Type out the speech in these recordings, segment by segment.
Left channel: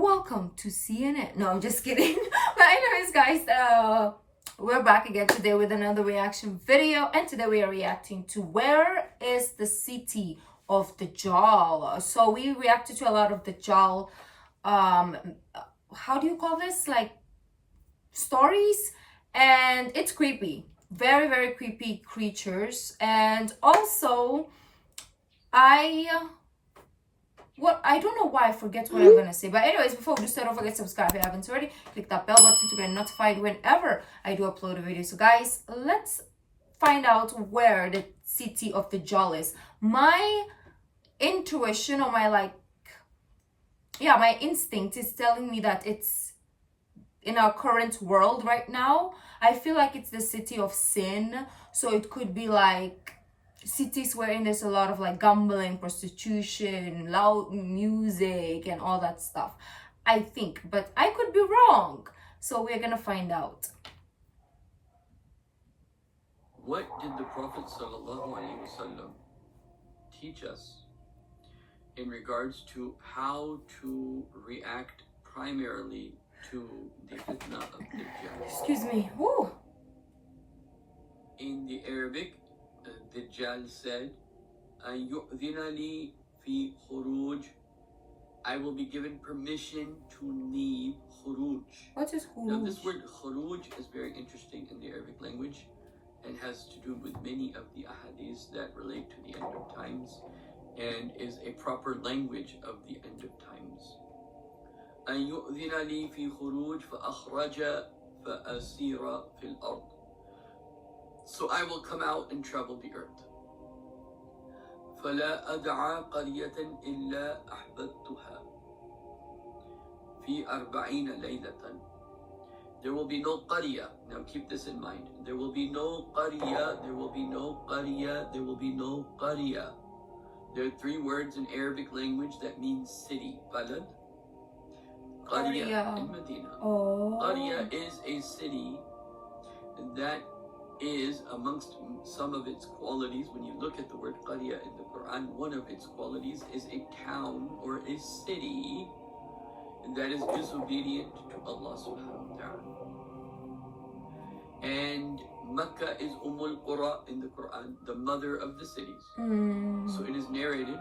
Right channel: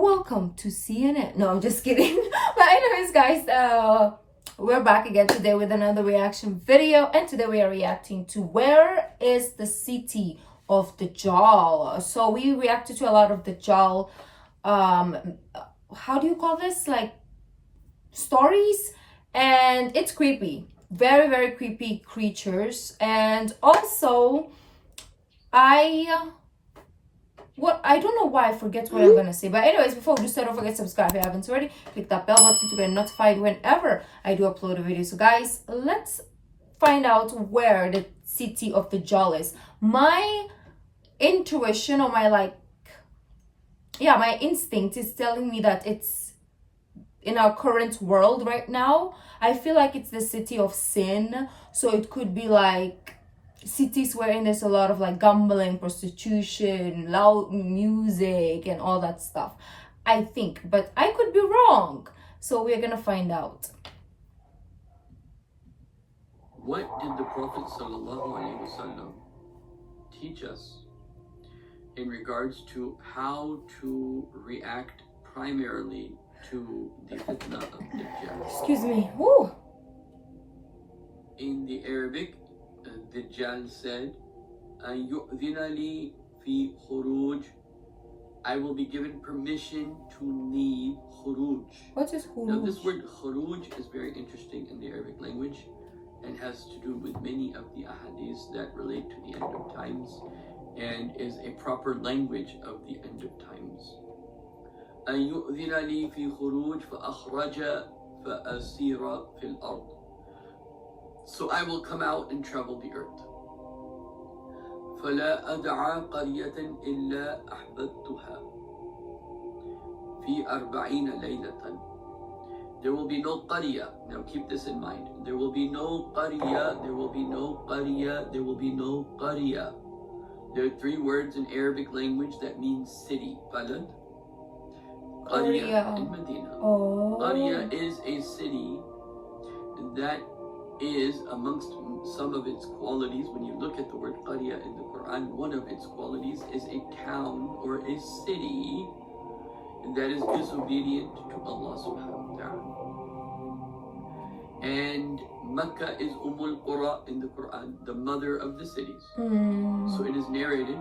Welcome to CNN. No, I'm just kidding. But anyways, guys, we're back again today with another reaction video, and today we are reacting to where is the city of DAJJAL. So we reacted to a lot of DAJJAL, how do you call this, like stories, and it's creepy, very, very creepy creatures. And also I don't know why I forget what I'm gonna say. But anyways, before we do start, don't forget to subscribe if you haven't already. Click that bell button to get notified whenever I do upload a video. So guys, let's find out where the city of DAJJAL is. My intuition, or my my instinct is telling me that it's in our current world right now. I feel like it's the city of sin. So it could be like cities wherein there's a lot of like gambling, prostitution, loud music, and all that stuff, I think, but I could be wrong. So we're gonna find out. What did the Prophet ﷺ teach us in regards to how to react primarily to the fitna of Dajjal? Excuse me. Woo. In the Arabic, Dajjal said, يُؤْذِنَ لِي فِي خُرُوجٍ, I will be given permission to leave khuruj. What is khuruj? Now this word khuruj is very interesting in the Arabic language and has to do with many of the ahadiths that relate to the end of times and is a proper language of the end of times. أَن يُؤْذِنَ لِي فِي خُرُوجٍ فَأَخْرَجَ فَأَسِيرَ فِي الْأَرْضِ, so I will come out and travel the earth. فَلَا أَدْعَى قَرْيَةً إِلَّا أَحْبَبْتُهَا فِي 40 لَيْلَةً. There will be no qarya. Now keep this in mind. There will be no qarya, there will be no qarya, there will be no qarya. There are three words in Arabic language that mean city. Balad, qarya, and Medina. Qarya is a city that is amongst some of its qualities. When you look at the word qarya in the Quran, one of its qualities is a town or a city that is disobedient to Allah subhanahu wa ta'ala. And Makkah is Qura in the Quran, the mother of the cities. So it is narrated,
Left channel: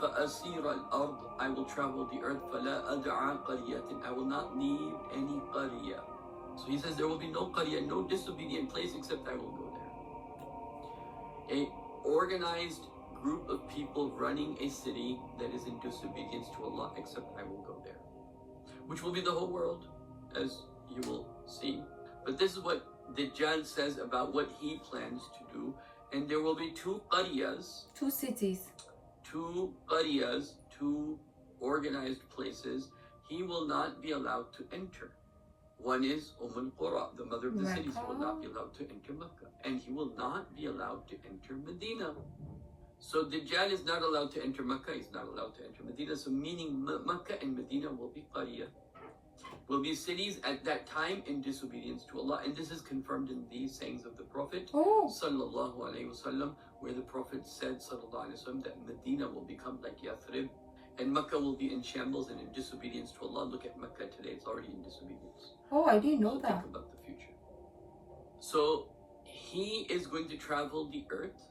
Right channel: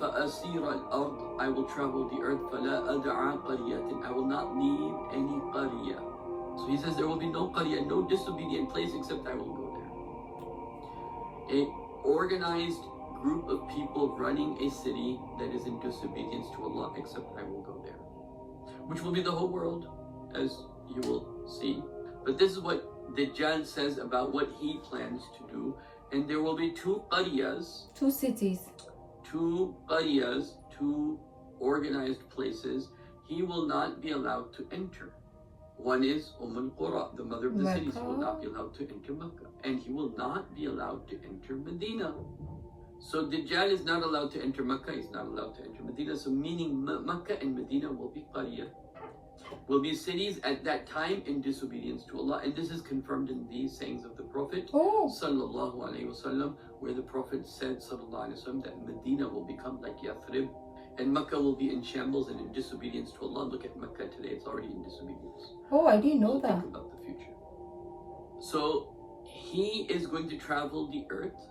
فَأَسِيرَ الْأَرْضِ, I will travel the earth, فَلَا أَدْعَى قَرْيَةٍ, I will not leave any qarya. So he says there will be no qarya, no disobedient place except I will go there. An organized group of people running a city that is in disobedience to Allah, except I will go there. Which will be the whole world, as you will see. But this is what Dajjal says about what he plans to do. And there will be two qaryas. Two cities. Two qaryas, two organized places he will not be allowed to enter. One is Qura, the mother of the cities. He will not be allowed to enter Makkah. And he will not be allowed to enter Medina. So Dajjal is not allowed to enter Makkah, he's not allowed to enter Medina. So meaning Makkah and Medina will be qarya, will be cities at that time in disobedience to Allah. And this is confirmed in the sayings of the Prophet sallallahu alaihi wasallam, where the Prophet said sallallahu alaihi wasallam that Medina will become like Yathrib, and Makkah will be in shambles and in disobedience to Allah. Look at Makkah today, it's already in disobedience. Oh, I didn't know that. Think about the future. So he is going to travel the earth,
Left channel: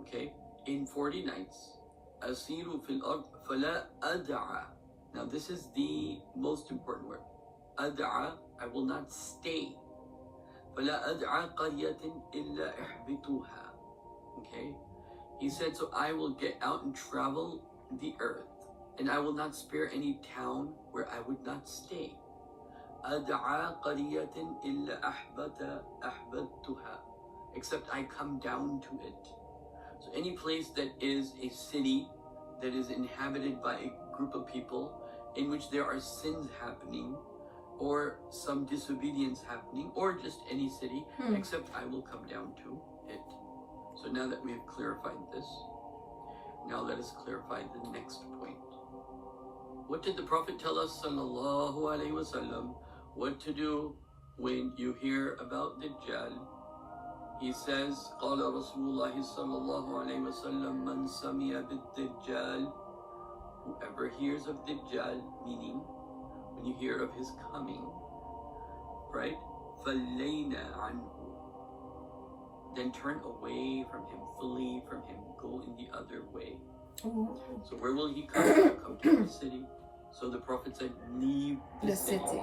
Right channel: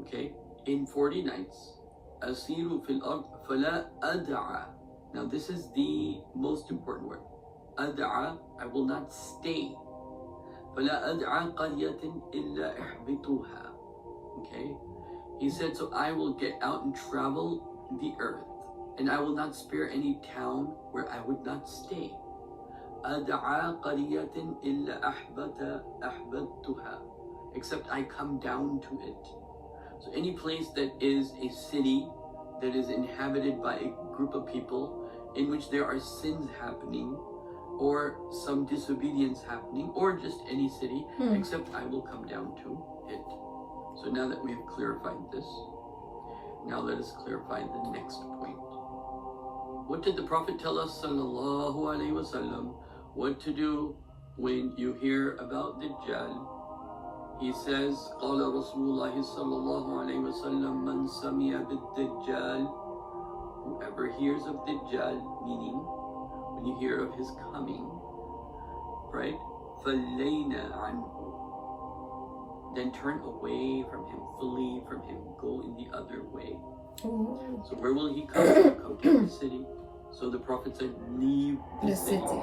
okay, in 40 nights. Asiru fil ard fala ad'a. Now this is the most important word. Ad'a, I will not stay. Fala ad'a qaryatin illa ihbituha. Okay? He said, so I will get out and travel the earth, and I will not spare any town where I would not stay. أَدْعَى قَرِيَةٍ إِلَّا أَحْبَبْتُهَا, except I come down to it. So any place that is a city that is inhabited by a group of people in which there are sins happening, or some disobedience happening, or just any city, except I will come down to it. So now that we have clarified this, now let us clarify the next point. What did the Prophet tell us, sallallahu alaihi wasallam, what to do when you hear about Dajjal? He says, قال رسول الله صلى الله عليه وسلم من سمع بالدجال whoever hears of Dajjal, meaning when you hear of his coming, right? فَلَيْنَ عَنْهُ, then turn away from him, flee from him, go in the other way. Ooh. So where will he come? He will come to the city. So the Prophet said, leave The city.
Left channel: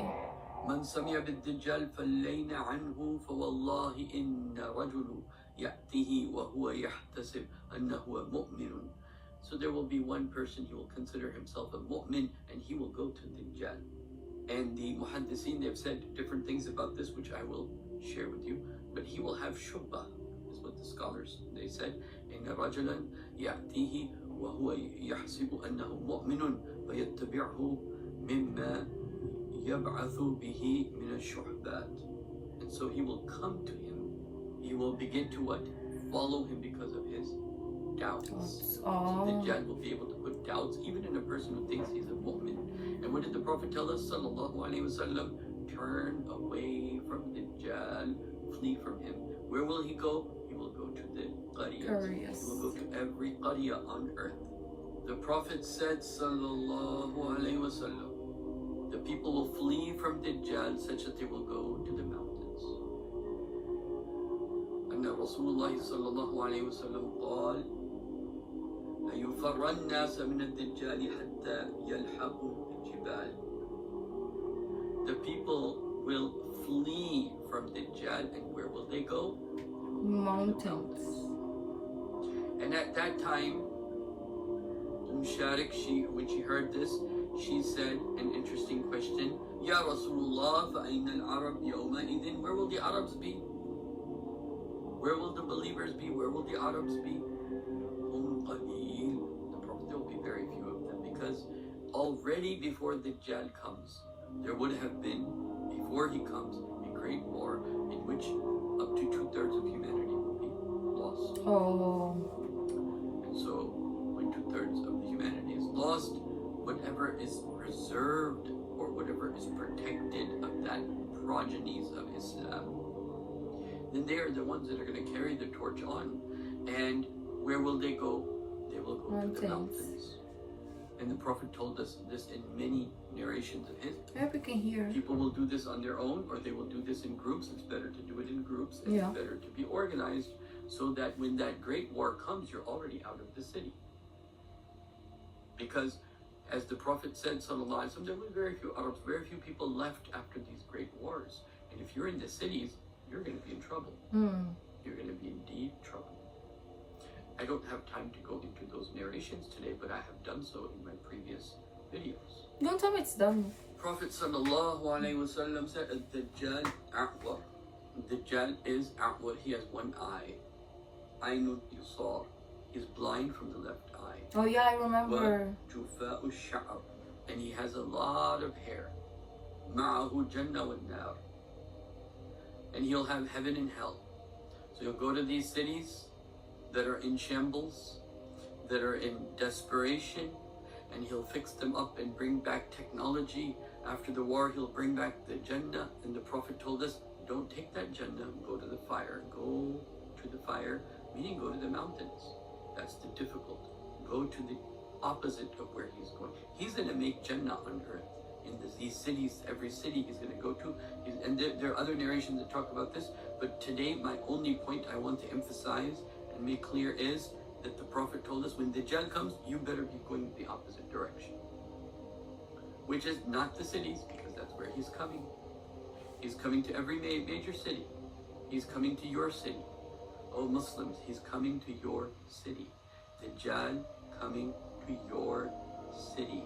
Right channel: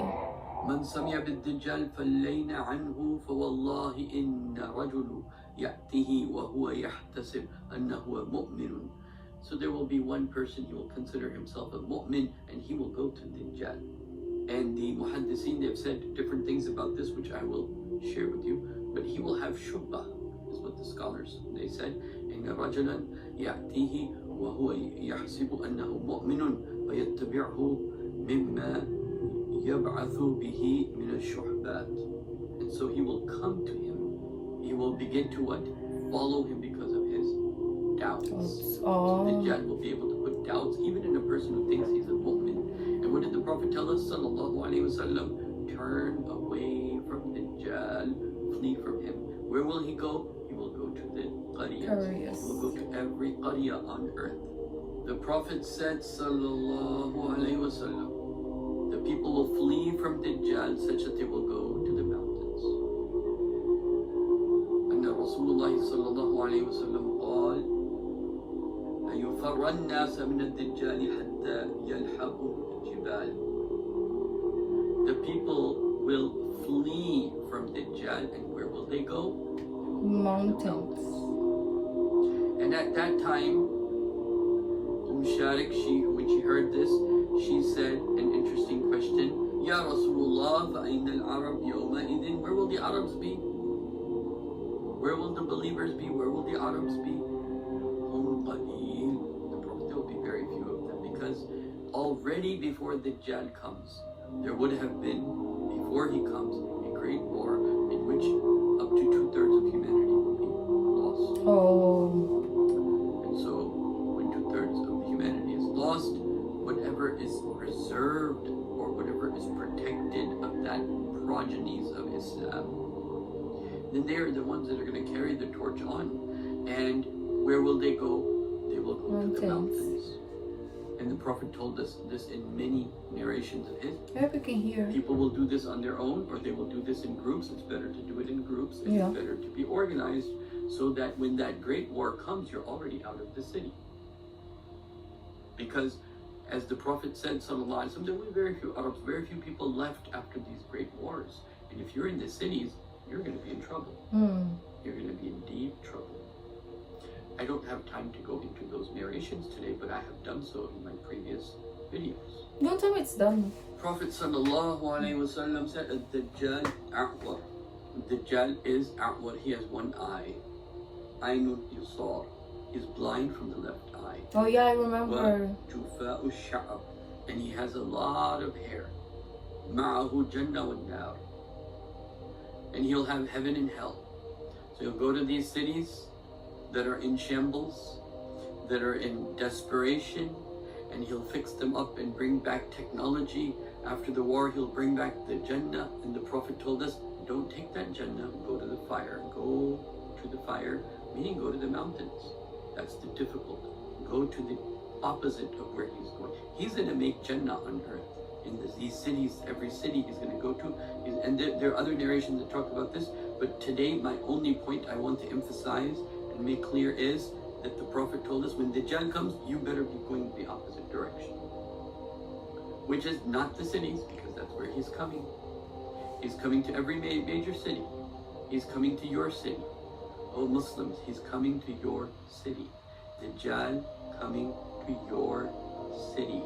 من سمع بالدجال فلين عنه فوالله إن رجل يأتيه وهو يحتسب أنه مؤمن. So there will be one person, he will consider himself a mu'min, and he will go to Dajjal. And the muhaddithin, they've said different things about this, which I will share with you. But he will have shubha, is what the scholars, they said. إن رجلا يأتيه وهو يحسب أنه مؤمن فيتبعه مما يبعث به من الشحبات. And so he will come to him. He will begin to what? Follow him because of his doubts. So Dajjal will be able to put doubts even in a person who thinks he's a mu'min. And what did the Prophet tell us? Sallallahu Alaihi Wasallam, turn away from Dajjal, flee from him. Where will he go? He will go to the qaryas. He will go to every qarya on earth. The Prophet said, Sallallahu Alaihi Wasallam, the people will flee from Dajjal such that they will go to the mountains. And Rasulullah Sallallahu Alaihi Wasallam قال يفر الناس من الدجال حتى يلحقوا الجبال. The people will flee from Dajjal, and where will they go? Mountains. And at that time, Sharik, when she heard this, she said an interesting question. Ya Rasulullah, فَأَيْنَ الْعَرَبْ يَوْمَئِذٍ, where will the Arabs be? Where will the believers be? Where will the Arabs be? هُمْ قَلِيلٌ. The Prophet, there will be very few of them, because already before Dajjal comes, there would have been, before he comes, a great war in which up to 2/3 of humanity will be lost. And so, when 2/3 of humanity is lost, whatever is preserved or whatever is protected of that progenies of Islam, then they are the ones that are going to carry the torch on. And where will they go? They will go to the mountains. And the Prophet told us this in many narrations of his. I hope you can hear. People will do this on their own, or they will do this in groups. It's better to do it in groups. It's better to be organized, so that when that great war comes, you're already out of the city. Because as the Prophet said, sallallahu alaihi wasallam, there will be very few Arabs, very few people left after these great wars. And if you're in the cities, you're going to be in trouble. You're going to be in deep trouble. I don't have time to go into those narrations today, but I have done so in my previous videos. Don't tell me it's done. Prophet sallallahu alaihi wasallam said, "Dajjal a'wa." Dajjal is a'wa. He has one eye. Aynul yusar. He's blind from the left eye. Oh yeah, I remember. Jufa'u sha'r. And he has a lot of hair. Ma'ahu jannah wa nar. And he'll have heaven and hell. So he'll go to these cities that are in shambles, that are in desperation, and he'll fix them up and bring back technology. After the war, he'll bring back the Jannah. And the Prophet told us, don't take that Jannah, go to the fire. Go to the fire, meaning go to the mountains. That's the difficult. Go to the opposite of where he's going. He's going to make Jannah on earth. In these cities, every city he's going to go to. And there are other narrations that talk about this. But today, my only point I want to emphasize and make clear is that the Prophet told us, when Dajjal comes, you better be going the opposite direction. Which is not the cities, because that's where he's coming. He's coming to every major city. He's coming to your city. Oh Muslims, he's coming to your city. Dajjal coming to your city.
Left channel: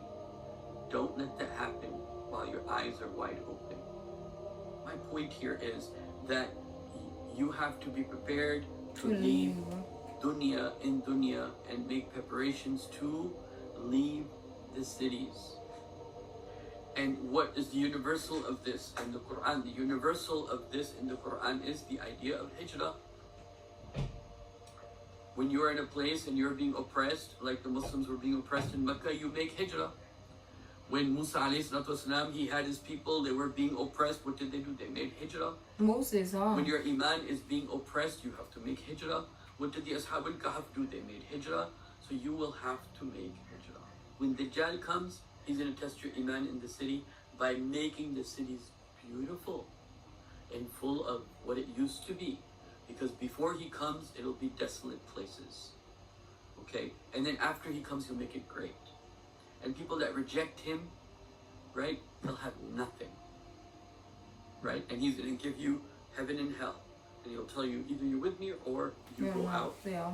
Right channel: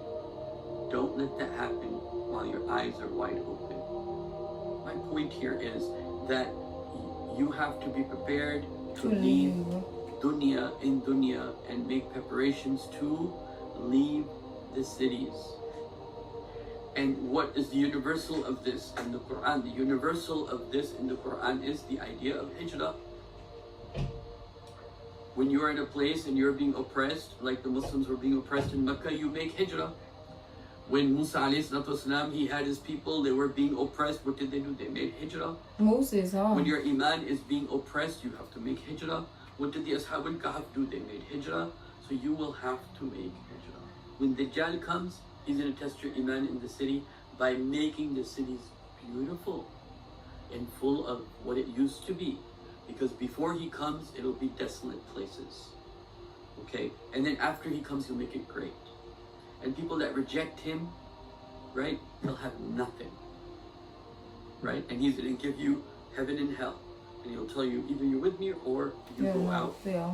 Don't let that happen while your eyes are wide open. My point here is that you have to be prepared to leave dunya in dunya and make preparations to leave the cities. And what is the universal of this in the Quran? The universal of this in the Quran is the idea of hijrah. When you are in a place and you're being oppressed, like the Muslims were being oppressed in Mecca, you make hijrah. When Musa ﷺ, he had his people, they were being oppressed. What did they do? They made hijrah. Moses, huh? When your iman is being oppressed, you have to make hijrah. What did the Ashab al-Kahf do? They made hijrah. So you will have to make hijrah. when Dajjal comes, he's going to test your iman in the city by making the cities beautiful and full of what it used to be. Because before he comes, it'll be desolate places. Okay? And then after he comes, he'll make it great. And people that reject him, right, they'll have nothing. Right? And he's going to give you heaven and hell. And he'll tell you, either you're with me or you go out. Yeah.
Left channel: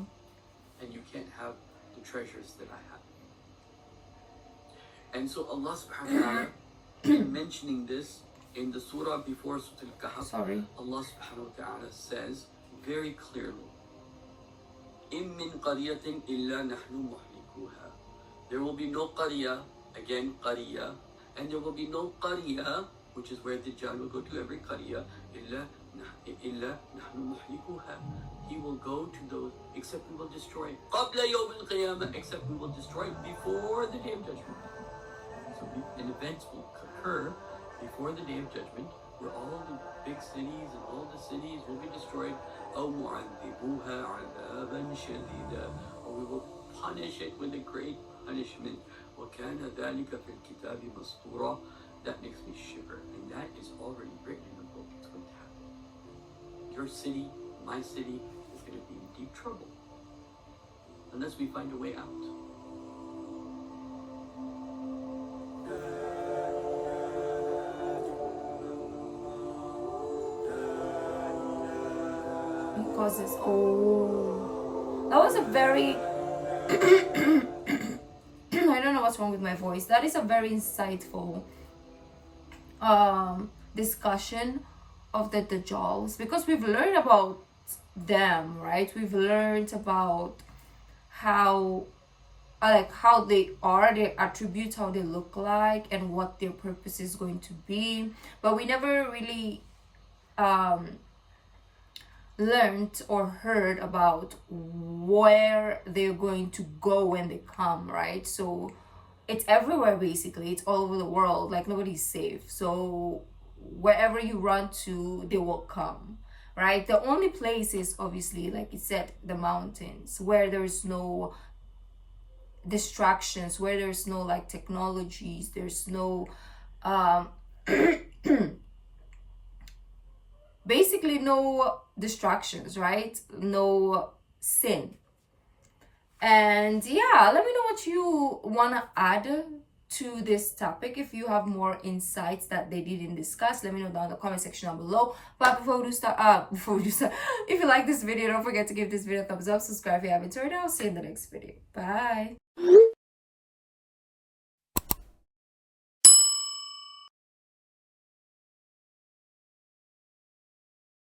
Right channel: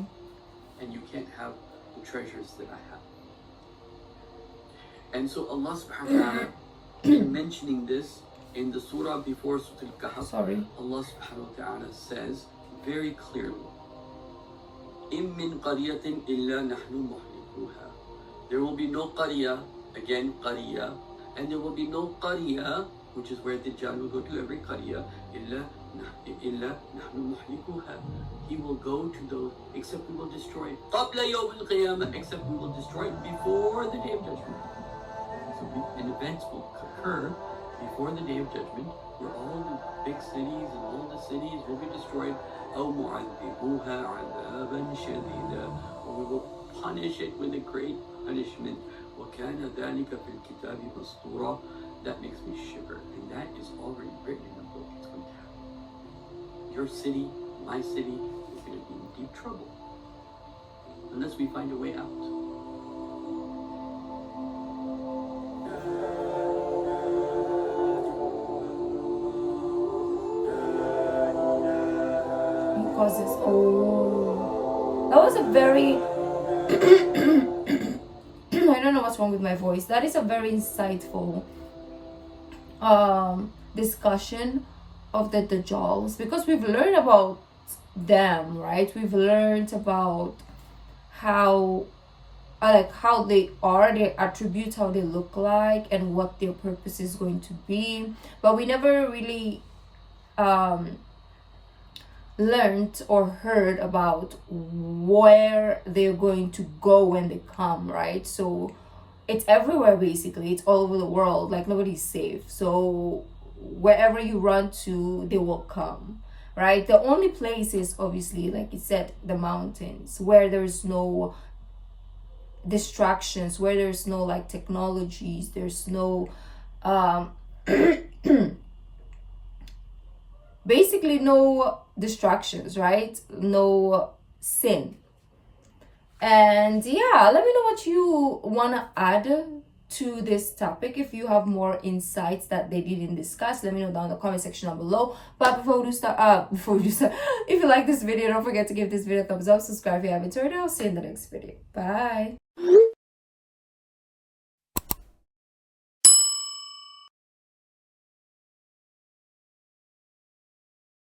And you can't have the treasures that I have. And so Allah subhanahu wa ta'ala, in mentioning this in the surah before Surah Al-Kahf, Allah subhanahu wa ta'ala says very clearly, إِن مِّن قَرْيَةٍ إِلَّا نَحْنُ مُحْلِكُوهَا. There will be no qarya, again qarya, and there will be no qarya, which is where Dajjal will go to, every qarya, إِلَّا نَحْنُ مُحْلِكُوهَا. He will go to those, except we will destroy it. قَبْلَ يَوْمِ الْقِيَامَةِ, except we will destroy it before the day of judgment. So an event will occur before the day of judgment, where all the big cities and all the cities will be destroyed. أَوْ مُعَذِّبُوهَا عَذَابًا شَدِيدًا, or we will punish it with a great punishment. وَكَانَ ذَلِكَ فِي الْكِتَابِ مَسْطُورًا. That makes me shiver, and that is already written in the book. It's going to happen. Your city, my city, is going to be in deep trouble unless we find a way out. Because it's that was a very I don't know what's wrong with my voice. That is a very insightful discussion of the Dajjals, because we've learned about them, right? We've learned about how how they are, their attributes, how they look like, and what their purpose is going to be, but we never really learned or heard about where they're going to go when they come, right? So it's everywhere, basically. It's all over the world. Like, nobody's safe. So wherever you run to, they will come, right? The only place is, obviously, like you said, the mountains, where there's no distractions, where there's no like technologies, there's no basically no distractions, right? No sin. And yeah, let me know what you want to add to this topic. If you have more insights that they didn't discuss, let me know down in the comment section down below. But before we start, if you like this video, don't forget to give this video a thumbs up, subscribe if you haven't already. I'll see you in the next video. Bye.